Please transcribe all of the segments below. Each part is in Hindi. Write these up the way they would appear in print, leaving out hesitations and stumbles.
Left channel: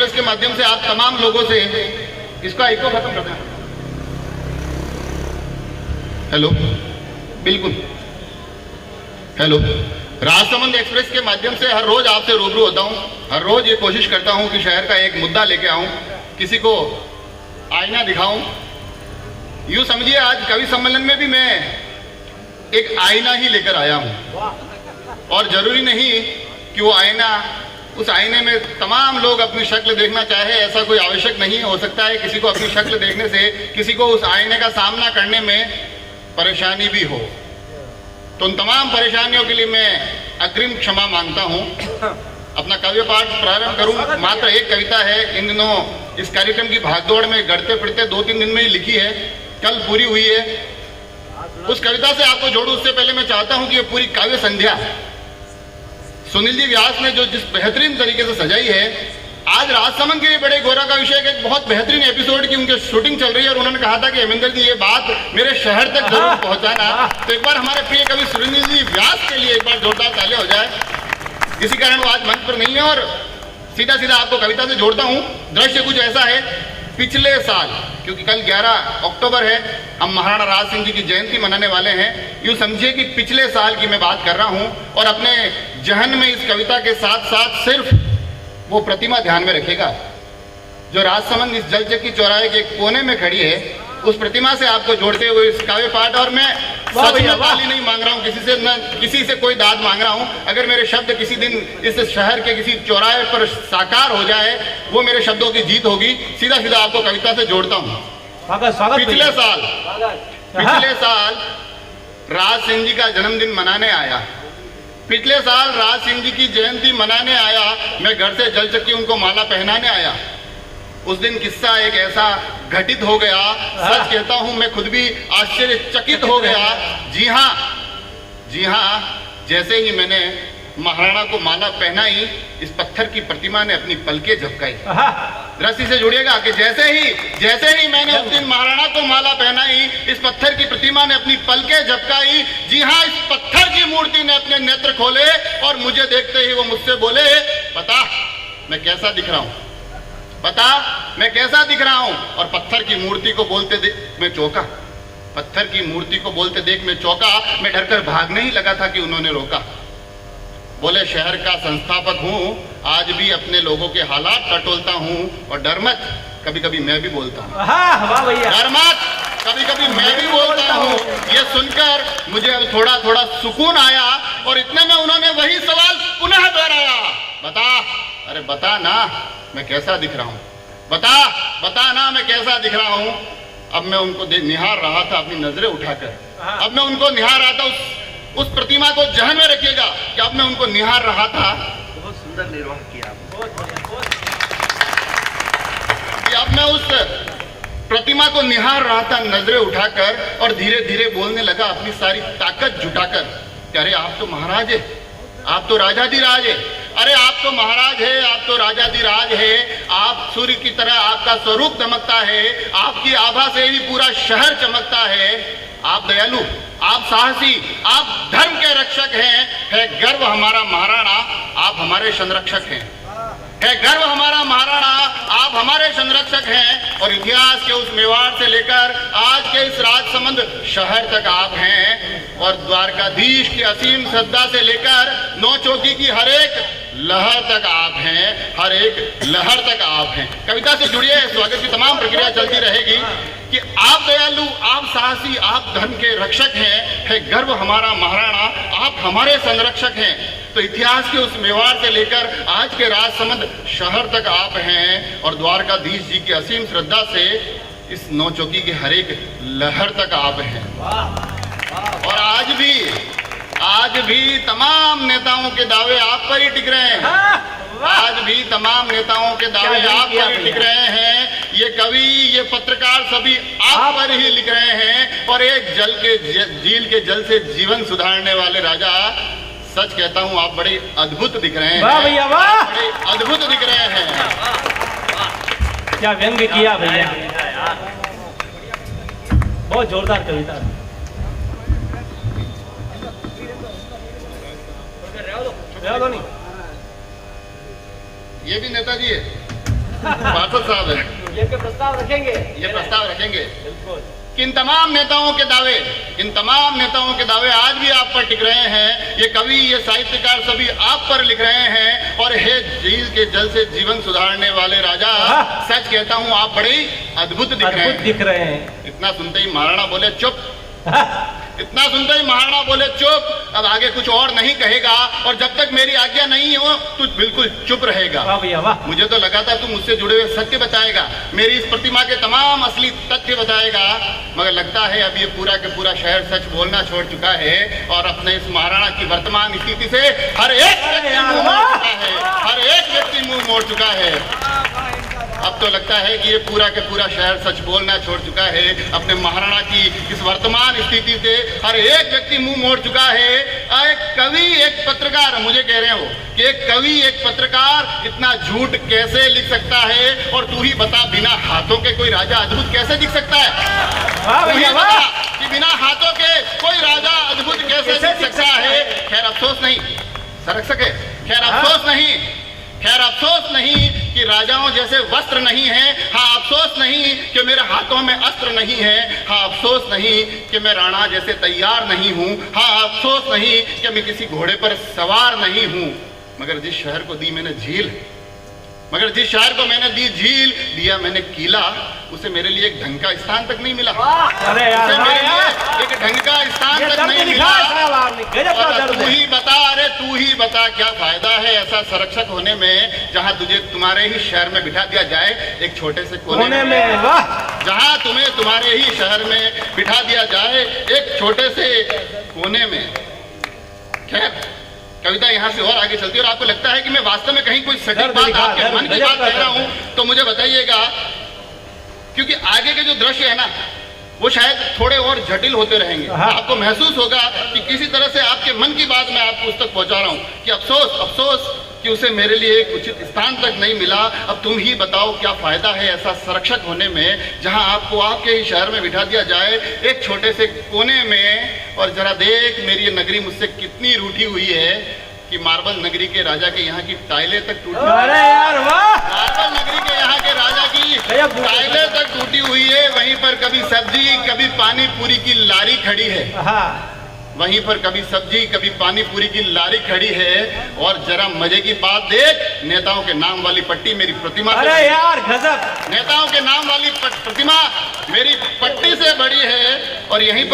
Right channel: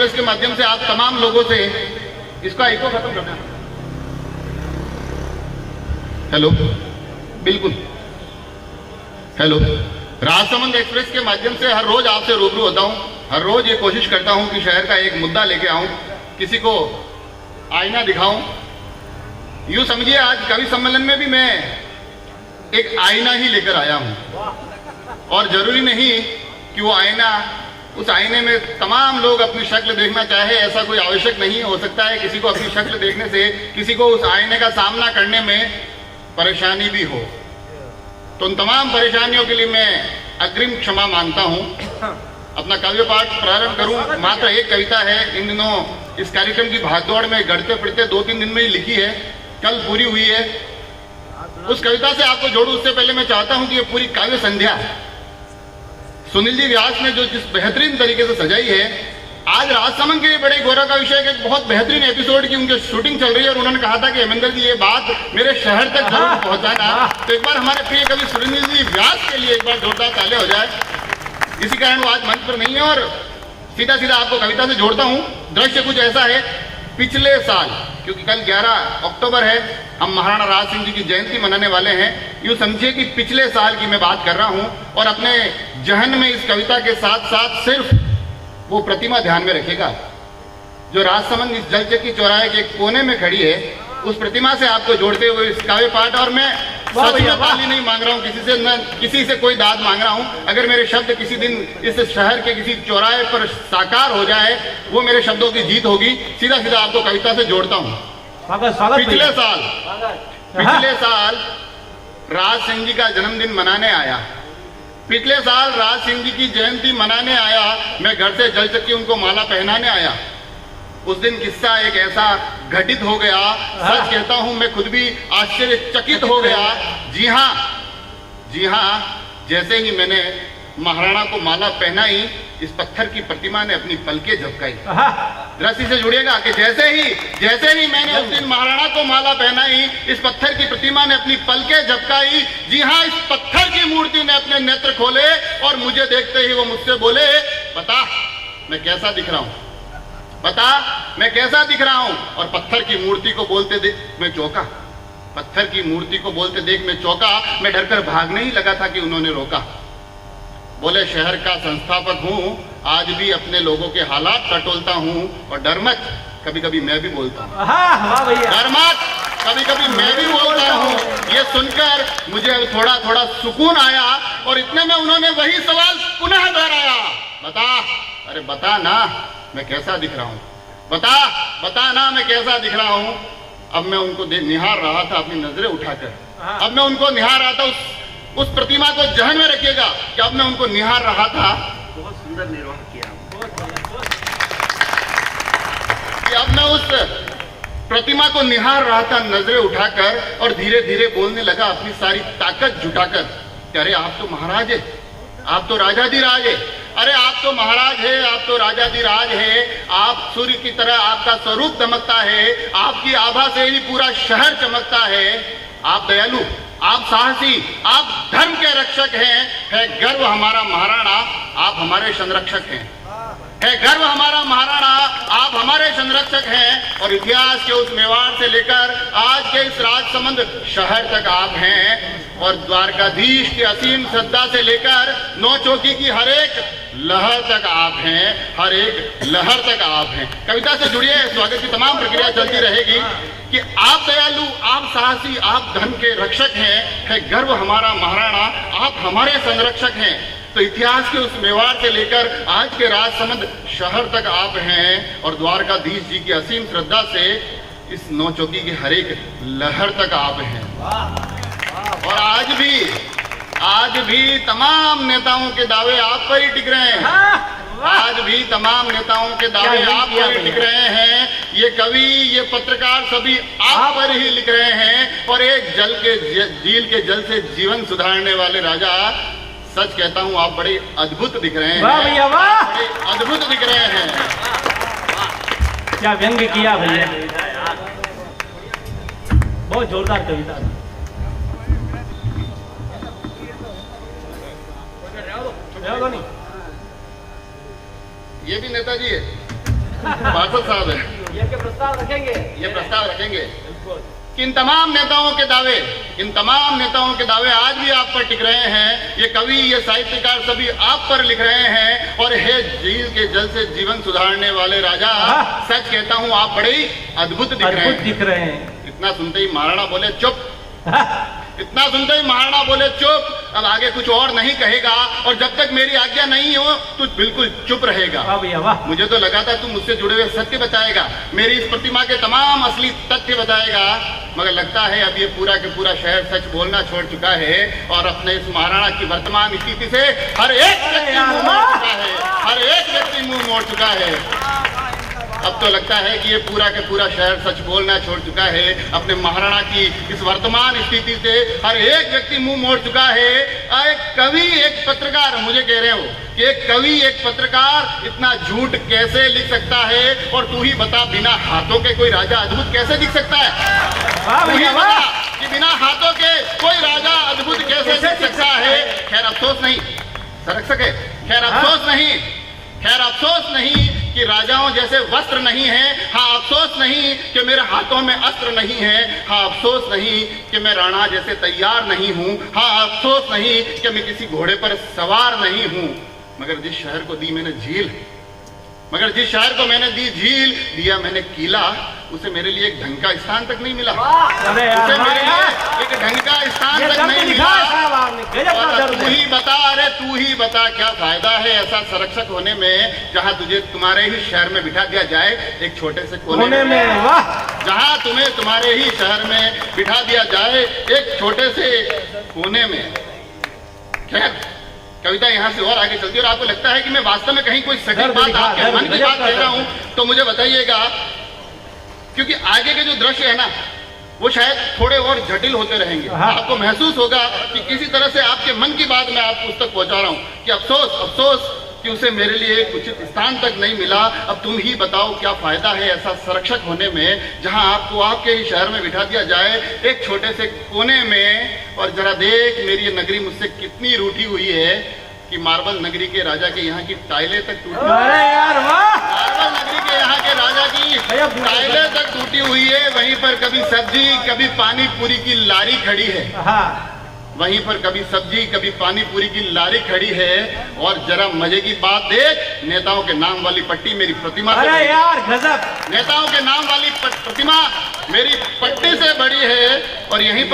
एक्सप्रेस के माध्यम से आप तमाम लोगों से इसका इको खत्म करना है। हेलो, बिल्कुल हेलो। राजसमंद एक्सप्रेस के माध्यम से हर रोज आपसे रूबरू होता हूं, हर रोज ये कोशिश करता हूं कि शहर का एक मुद्दा लेके आऊं, किसी को आईना दिखाऊं। यूं समझिए आज कवि सम्मेलन में भी मैं एक आईना ही लेकर आया हूं, और जरूरी नहीं कि वो आईना, उस आईने में तमाम लोग अपनी शक्ल देखना चाहे, ऐसा कोई आवश्यक नहीं हो सकता है। किसी को अपनी शक्ल देखने से किसी को उस आईने का सामना करने में परेशानी भी हो, तो उन तमाम परेशानियों के लिए मैं अग्रिम क्षमा मांगता हूं। अपना काव्य पाठ प्रारंभ करूं। मात्र एक कविता है, इन दिनों इस कार्यक्रम की भागदौड़ में गढ़ते फिरते 2-3 दिन में ही लिखी है, कल पूरी हुई है। उस कविता से आपको जोड़ूं उससे पहले मैं चाहता हूं कि ये पूरी काव्य संध्या सुनील जी व्यास ने जो जिस बेहतरीन तरीके से सजाई है, आज राजसमंद के बड़े गौरव का विषय एक बहुत बेहतरीन एपिसोड की उनकी शूटिंग चल रही है, और उन्होंने कहा था कि हेमेंद्र जी ये बात मेरे शहर तक जरूर पहुंचाना। तो एक बार हमारे प्रिय कवि सुनील जी व्यास के लिए एक बार जोरदार तालियां हो जाए। इसी कारण वो आज मंच पर नहीं है, और सीधा सीधा आपको कविता से जोड़ता हूं। दृश्य कुछ ऐसा है, पिछले साल, क्योंकि कल 11 अक्टूबर है, हम महाराणा राज सिंह जी की जयंती मनाने वाले हैं। यूं समझिए कि पिछले साल की मैं बात कर रहा हूं, और अपने जहन में इस कविता के साथ साथ सिर्फ वो प्रतिमा ध्यान में रखेगा जो राजसमंद इस जलचक्की चौराहे के कोने में खड़ी है। उस प्रतिमा से आपको जोड़ते हुए इस काव्य पाठ, और मैं सच में ताली नहीं मांग रहा हूं किसी से, न किसी से कोई दाद मांग रहा हूं। अगर मेरे शब्द किसी दिन इस शहर के किसी चौराहे पर साकार हो जाए, वो मेरे शब्दों की जीत होगी। सीधा सीधा आपको कविता से जोड़ता हूं। पिछले साल राज सिंह जी का जन्मदिन मनाने आया, पिछले साल राज सिंह जी की जयंती मनाने आया, मैं घर से जलचक्की उनको माला पहनाने आया। उस दिन किस्सा एक ऐसा घटित हो गया, सच कहता हूं मैं खुद भी आश्चर्यचकित हो गया। जी हाँ, जैसे ही मैंने महाराणा को माला पहनाई, इस पत्थर की प्रतिमा ने अपनी पलकें झपकाई। दृष्टि से जुड़िएगा कि जैसे ही मैंने उस दिन महाराणा को माला पहनाई, इस पत्थर की प्रतिमा ने अपनी पलकें झपकाई। जी हाँ, इस पत्थर की मूर्ति ने अपने नेत्र खोले, और मुझे देखते ही वो मुझसे बोले, बता मैं कैसा दिख रहा हूं, बता मैं कैसा दिख रहा हूं। और पत्थर की मूर्ति को बोलते देख मैं चौंका, पत्थर की मूर्ति को बोलते देख मैं चौंका। मैं डरकर भागने ही लगा था कि उन्होंने रोका। बोले, शहर का संस्थापक हूं, आज भी अपने लोगों के हालात टटोलता हूं, और डर मत, कभी कभी मैं भी बोलता हूं। डर मत, कभी कभी मैं भी बोलता हूं। ये सुनकर मुझे थोड़ा थोड़ा सुकून आया, और इतने में उन्होंने वही सवाल पुनः दोहराया, बता, अरे बता ना मैं कैसा दिख रहा हूं, बता ना मैं कैसा दिख रहा हूं। अब मैं उनको निहार रहा था अपनी नजरें उठाकर, अब मैं उनको निहार रहा था। उस प्रतिमा को जहन में रखिएगा कि अब मैं उनको निहार रहा था। बहुत सुंदर निर्माण किया कि अब मैं उस प्रतिमा को निहार रहा था नजरें उठाकर, और धीरे धीरे बोलने लगा अपनी सारी ताकत जुटाकर, अरे आप तो महाराज है, आप तो राजाधिराज है, अरे आप तो महाराज है, आप तो राजाधिराज है। आप सूर्य की तरह आपका स्वरूप चमकता है, आपकी आभा से ही पूरा शहर चमकता है। आप दयालु, आप साहसी, आप धर्म के रक्षक हैं। है गर्व हमारा महाराणा, आप हमारे संरक्षक हैं। है गर्व हमारा महाराणा, आप हमारे संरक्षक हैं। और इतिहास के उस मेवाड़ से लेकर आज के इस राजसमंद शहर तक आप हैं, और द्वारकाधीश की असीम श्रद्धा से लेकर नौचौकी की हर एक लहर तक आप हैं, हर एक लहर तक आप हैं। कविता से जुड़िए, स्वागत की तमाम प्रक्रिया चलती रहेगी कि आप दयालु, आप साहसी, आप धर्म के रक्षक हैं। है गर्व हमारा महाराणा, आप हमारे संरक्षक हैं। तो इतिहास के उस मेवाड़ से लेकर आज के राजसमंद शहर तक आप हैं, और द्वारकाधीश जी की असीम श्रद्धा से इस नौचौकी की हर एक लहर तक आप हैं। और आज भी तमाम नेताओं के दावे आप पर ही टिक रहे हैं। आज भी तमाम नेताओं के दावे आप पर ही टिक रहे हैं। ये कवि, ये पत्रकार सभी आप पर ही लिख रहे हैं। और एक झील के जल से जीवन सुधारने वाले राजा, सच कहता हूं आप बड़े अद्भुत दिख रहे हैं। वाह भैया वाह, बड़े अद्भुत दिख रहे हैं। क्या व्यंग किया भैया, बहुत जोरदार कविता। ये भी नेताजी है। पार्षद साहब है, ये के प्रस्ताव रखेंगे। ये प्रस्ताव रखेंगे बिल्कुल। कि इन तमाम नेताओं के दावे आज भी आप पर टिक रहे हैं। ये कवि, ये साहित्यकार सभी आप पर लिख रहे हैं। और हे झील के जल से जीवन सुधारने वाले राजा, सच कहता हूँ आप बड़े ही अद्भुत दिख रहे हैं। इतना सुनते ही महाराणा बोले चुप। इतना सुनते ही महाराणा बोले चुप, अब आगे कुछ और नहीं कहेगा, और जब तक मेरी आज्ञा नहीं हो तू बिल्कुल चुप रहेगा। वाह भैया वाह। मुझे तो लगा था तू मुझसे जुड़े हुए सत्य बताएगा, मेरी इस प्रतिमा के तमाम असली तथ्य बताएगा, मगर लगता है अब ये पूरा के पूरा शहर सच बोलना छोड़ चुका है और अपने इस महाराणा की वर्तमान स्थिति से हर एक व्यक्ति मुंह मोड़ चुका है, हर एक व्यक्ति मुंह मोड़ चुका है। अब तो लगता है कि ये पूरा के पूरा शहर सच बोलना छोड़ चुका है। अपने महाराणा की इस वर्तमान स्थिति से हर एक व्यक्ति मुंह मोड़ चुका है। एक कवि, एक पत्रकार, मुझे कह रहे हो कि एक कवि, एक पत्रकार इतना झूठ कैसे लिख सकता है? और तू ही बता, बिना हाथों के कोई राजा अद्भुत कैसे दिख सकता है? तू ही बता कि बिना हाथों के कोई राजा अद्भुत कैसे दिख सकता है? खैर अफसोस नहीं, सरक सके, खैर अफसोस नहीं कि राजाओं जैसे वस्त्र नहीं है। हाँ, अफसोस नहीं कि मेरे हाथों में अस्त्र नहीं है। हाँ, अफसोस नहीं कि मैं राणा जैसे तैयार नहीं हूँ। हाँ, अफसोस नहीं कि मैं किसी घोड़े पर सवार नहीं हूँ। मगर जिस शहर को दी मैंने झील, दिया मैंने किला, उसे मेरे लिए एक ढंग का स्थान तक नहीं मिला। उसे मेरे लिए एक ढंग का स्थान तक नहीं मिला। और तू ही बता क्या फायदा है ऐसा संरक्षक होने में, जहां तुझे तुम्हारे ही शहर में बिठा दिया जाए एक छोटे से कोने में। जहां तुम्हें तुम्हारे ही शहर में बिठा दिया जाए एक छोटे से कोने में। खैर, कविता यहाँ से और आगे चलती है और आपको लगता है कि मैं वास्तव में कहीं कोई सटीक बात आपके मन की बात कह रहा हूँ तो मुझे बताइएगा, क्योंकि आगे के जो दृश्य है ना वो शायद थोड़े और जटिल होते रहेंगे। आपको महसूस होगा कि किसी तरह से आपके मन की बात मैं आपको उस तक पहुंचा रहा हूँ कि अफसोस कि उसे मेरे लिए एक उचित स्थान तक नहीं मिला। अब तुम ही बताओ क्या फायदा है ऐसा संरक्षक होने में, जहां आपको आपके ही शहर में बिठा दिया जाए एक छोटे से कोने में। और जरा देख, मेरी ये नगरी मुझसे कितनी रूठी हुई है कि मार्बल नगरी के राजा के यहाँ की टाइलें तक टूटी। मार्बल नगरी के यहाँ के राजा की टाइलें तक टूटी हुई है। वहीं पर कभी सब्जी, कभी पानी पूरी की लारी खड़ी है। वहीं पर कभी सब्जी, कभी पानी पूरी की लारी खड़ी है। और जरा मजे की बात देख, नेताओं के नाम वाली पट्टी मेरी प्रतिमा, अरे यार गजब, नेताओं के नाम वाली प्रतिमा मेरी पट्टी से बड़ी है। और यहीं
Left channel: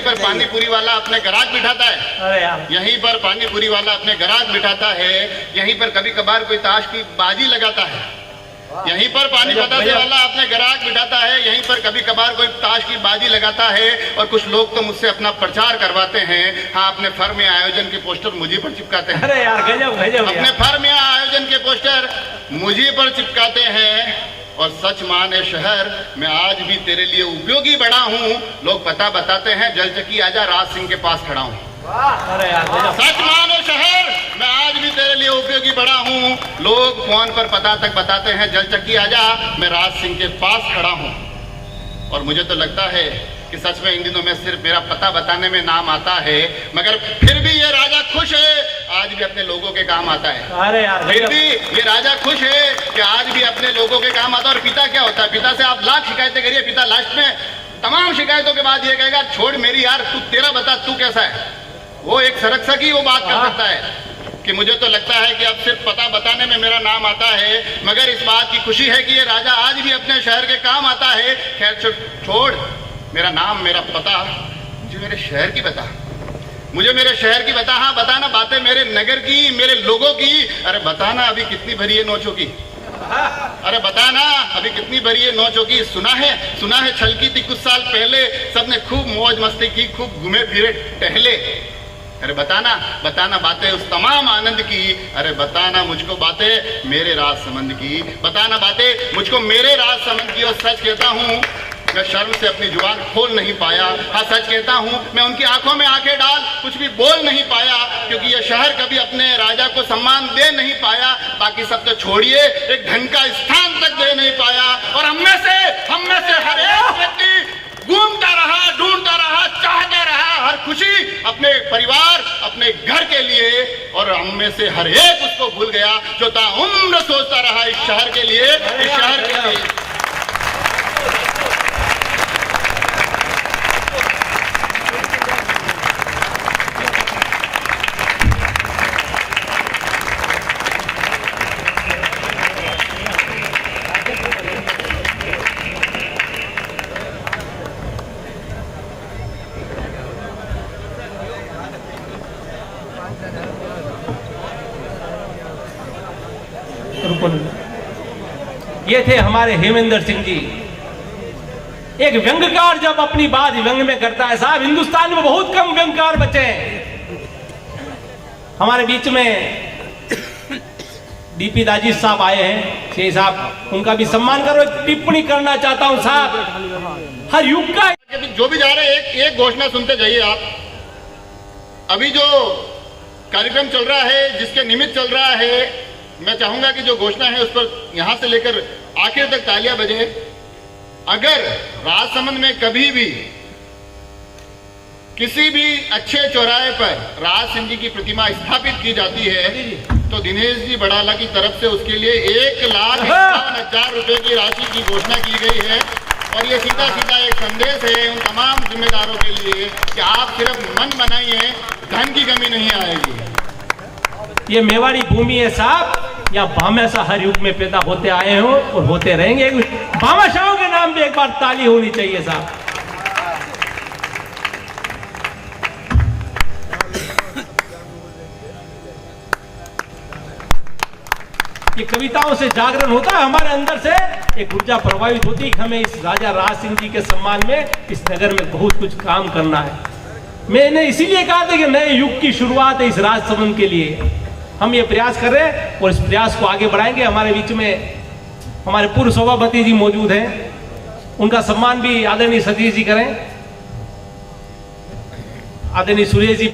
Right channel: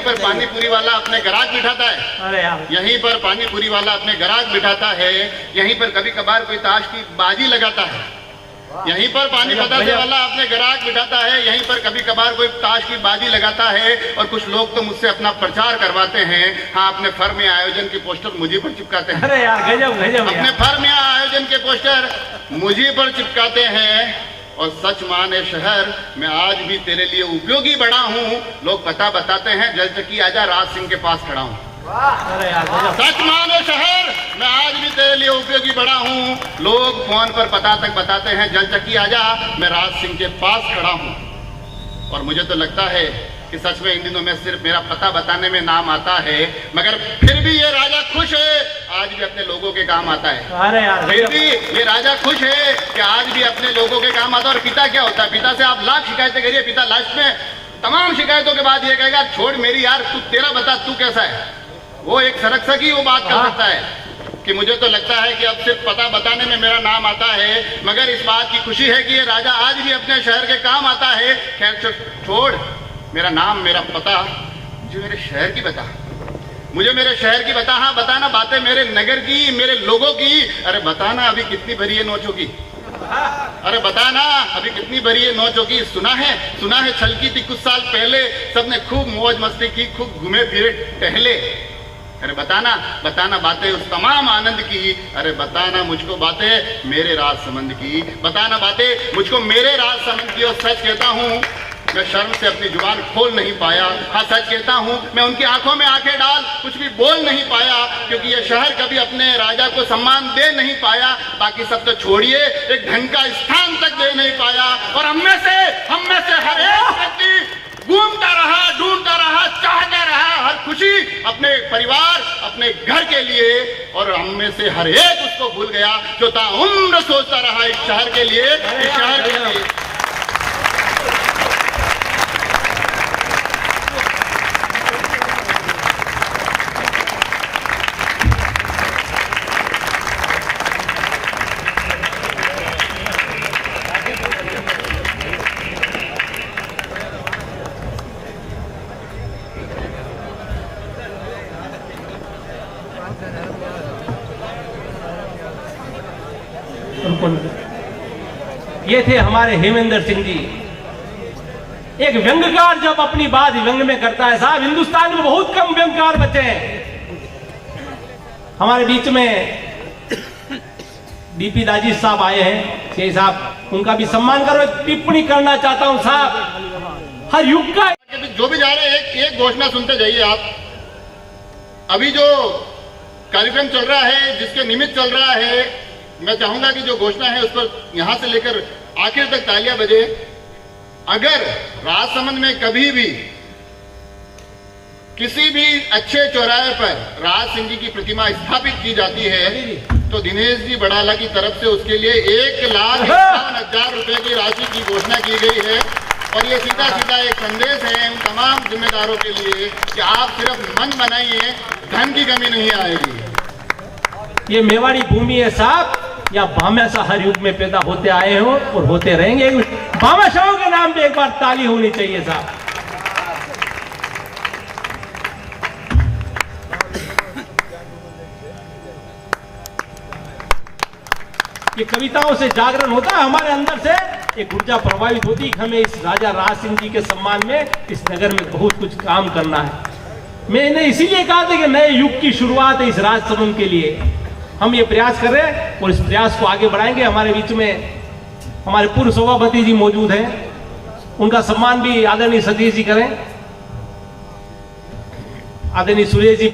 पर पानी पूरी वाला अपने ग्राहक बिठाता है। अरे यार, यहीं पर पानी पूरी वाला अपने ग्राहक बिठाता है। यहीं पर कभी कभार कोई ताश की बाजी लगाता है। यहीं पर पानी बतासे वाला अपने ग्राहक बिठाता है। यहीं पर कभी कभार कोई ताश की बाजी लगाता है। और कुछ लोग तो मुझसे अपना प्रचार करवाते हैं। हाँ, अपने फर्म या आयोजन के पोस्टर मुझे पर चिपकाते हैं। अरे यार गजब, अपने फर्म या आयोजन के पोस्टर मुझे पर चिपकाते हैं। और सच माने शहर, मैं आज भी तेरे लिए उपयोगी बड़ा हूँ। लोग पता बताते हैं, जलचकी आजा राज सिंह के पास खड़ा हूँ। अरे यार सच मानो शहर, मैं आज भी तेरे लिए उपयोगी बड़ा हूँ। लोग फोन पर पता तक बताते हैं, जलचकी आजा, मैं राज सिंह के पास खड़ा हूँ। और मुझे तो लगता है कि सच में इन दिनों में सिर्फ मेरा पता बताने में नाम आता है, मगर फिर भी ये राजा खुश है, आज भी अपने लोगों के काम आता है। अरे यार, फिर भी ये राजा खुश है कि आज भी अपने लोगों के काम आता है। और पिता क्या होता है? पिता से आप लाख शिकायतें करिए, पिता लास्ट में तमाम शिकायतों के बाद ये कहेगा, छोड़ मेरी यार, तू तेरा बता, तू कैसा है। वो एक संरक्षक ही वो बात कर सकता है कि मुझे तो लगता है कि अब सिर्फ पता बताने में मेरा नाम आता है, मगर इस बात की खुशी है कि ये राजा आज भी अपने शहर के काम आता है। खैर छोड़ मेरा नाम, मेरा पता, मुझे मेरे शहर की बता, मुझे मेरे शहर की बता। हाँ, बताना बातें मेरे नगर की, मेरे लोगों की। अरे बताना अभी कितनी भरी है नोचों की। अरे बताना अभी कितनी भरी है नोचों की। सुना है छलकी थी कुछ साल पहले, सबने खूब मौज मस्ती की, खूब घूमे फिरे टहले। अरे बताना बातें उस तमाम आनंद की। अरे बताना मुझको बातें मेरे राज संबंध की। बताना बातें मुझको मेरे राज संबंध की। और सच कहता हूँ, मैं शर्म से अपनी जुबान खोल नहीं पाया। हाँ, सच कहता हूँ, मैं उनकी आंखों में आंखें डाल कुछ भी बोल नहीं पाया, क्योंकि ये शहर कभी अपने राजा को सम्मान दे नहीं पाया। बाकी सब तो छोड़िए, एक ढंग का स्थान तक दे नहीं पाया। और हम में से हर एक व्यक्ति घूमता रहा, ढूंढता रहा, चाहता रहा हर खुशी अपने परिवार, अपने घर के लिए, और हम में से हर एक उसको भूल गया जो ताउम्र सोचता रहा इस शहर के लिए, इस शहर के लिए। ये थे हमारे हेमेंद्र सिंह जी, एक व्यंग्यकार जब अपनी बात व्यंग में करता है। साहब, हिंदुस्तान में बहुत कम व्यंग्यकार बचे हैं। हमारे बीच में डीपी दाजिश साहब आए हैं, शेख साहब, उनका भी सम्मान करो। एक टिप्पणी करना चाहता हूं साहब, हर युग का जो भी जा रहे हैं एक घोषणा सुनते जाइए आप। अभी जो कार्यक्रम चल रहा है, जिसके निमित्त चल रहा है, मैं चाहूंगा कि जो घोषणा है उस पर यहां से लेकर आखिर तक तालियां बजे। अगर राजसमंद में कभी भी किसी भी अच्छे चौराहे पर राज सिंह जी की प्रतिमा स्थापित की जाती है तो दिनेश जी बड़ाला की तरफ से उसके लिए 1,51,000 रुपए की राशि की घोषणा की गई है। और ये सीधा सीधा एक संदेश है उन तमाम जिम्मेदारों के लिए कि आप सिर्फ मन बनाइए, धन की कमी नहीं आएगी। ये मेवाड़ी भूमि है साहब, या भामाशाह हर युग में पैदा होते आए हो और होते रहेंगे। भामाशाहों के नाम पे एक बार ताली होनी चाहिए साहब। ये कविताओं से जागरण होता है हमारे अंदर से, एक ऊर्जा प्रभावित होती है कि हमें इस राजा राज सिंह जी के सम्मान में इस नगर में बहुत कुछ काम करना है। मैंने इसीलिए कहा था कि नए युग की शुरुआत है इस राजसमंद के लिए। हम ये प्रयास कर रहे हैं और इस प्रयास को आगे बढ़ाएंगे। हमारे बीच में हमारे पूर्व सभापति जी मौजूद हैं, उनका सम्मान भी आदरणीय सतीश जी करें, आदरणीय सुरेश जी।